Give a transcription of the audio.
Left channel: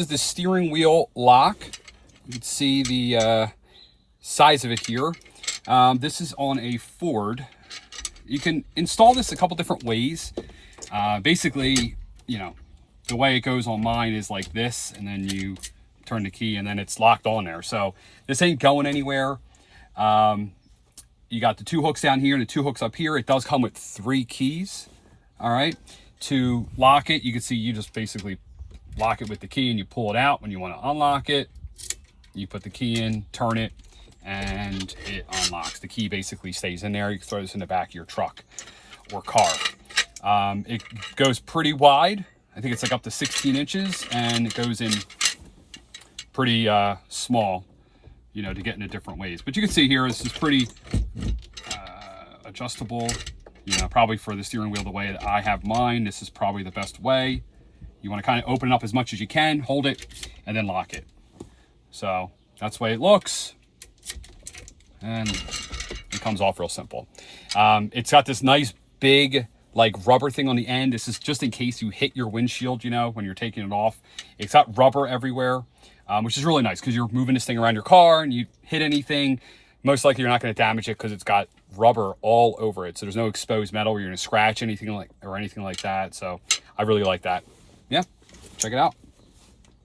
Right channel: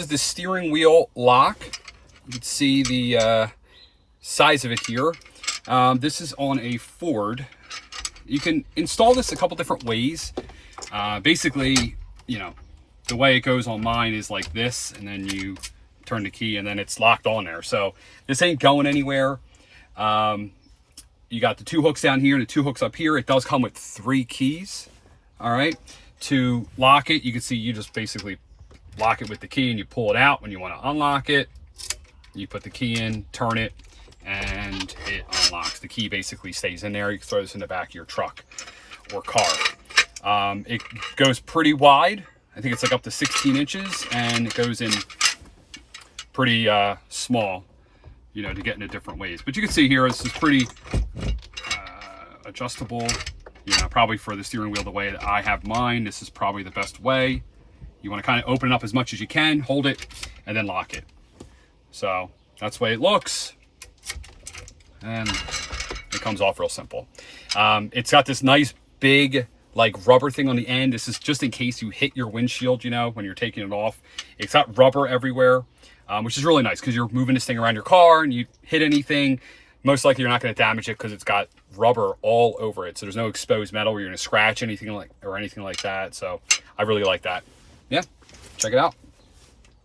This is the steering wheel lock. You can see the size of it here. This is on a Ford. You can install this a couple different ways. Basically, you know, the way it goes on mine is like this, and then you turn the key and then it's locked on there. So this ain't going anywhere. You got the 2 hooks down here and the 2 hooks up here. It does come with 3 keys. All right. To lock it, you can see you just basically lock it with the key and you pull it out. When you want to unlock it, you put the key in, turn it, and it unlocks. The key basically stays in there. You can throw this in the back of your truck or car. It goes pretty wide. I think it's like up to 16 inches, and it goes in pretty small, you know, to get into different ways. But you can see here, this is pretty adjustable, you know, probably for the steering wheel the way that I have mine. This is probably the best way. You want to kind of open it up as much as you can, hold it, and then lock it. So that's the way it looks. And it comes off real simple. It's got this nice big like rubber thing on the end. This is just in case you hit your windshield, you know, when you're taking it off. It's got rubber everywhere, which is really nice because you're moving this thing around your car and you hit anything, most likely you're not going to damage it because it's got rubber all over it. So there's no exposed metal where you're going to scratch anything like or anything like that. So I really like that. Yeah, check it out.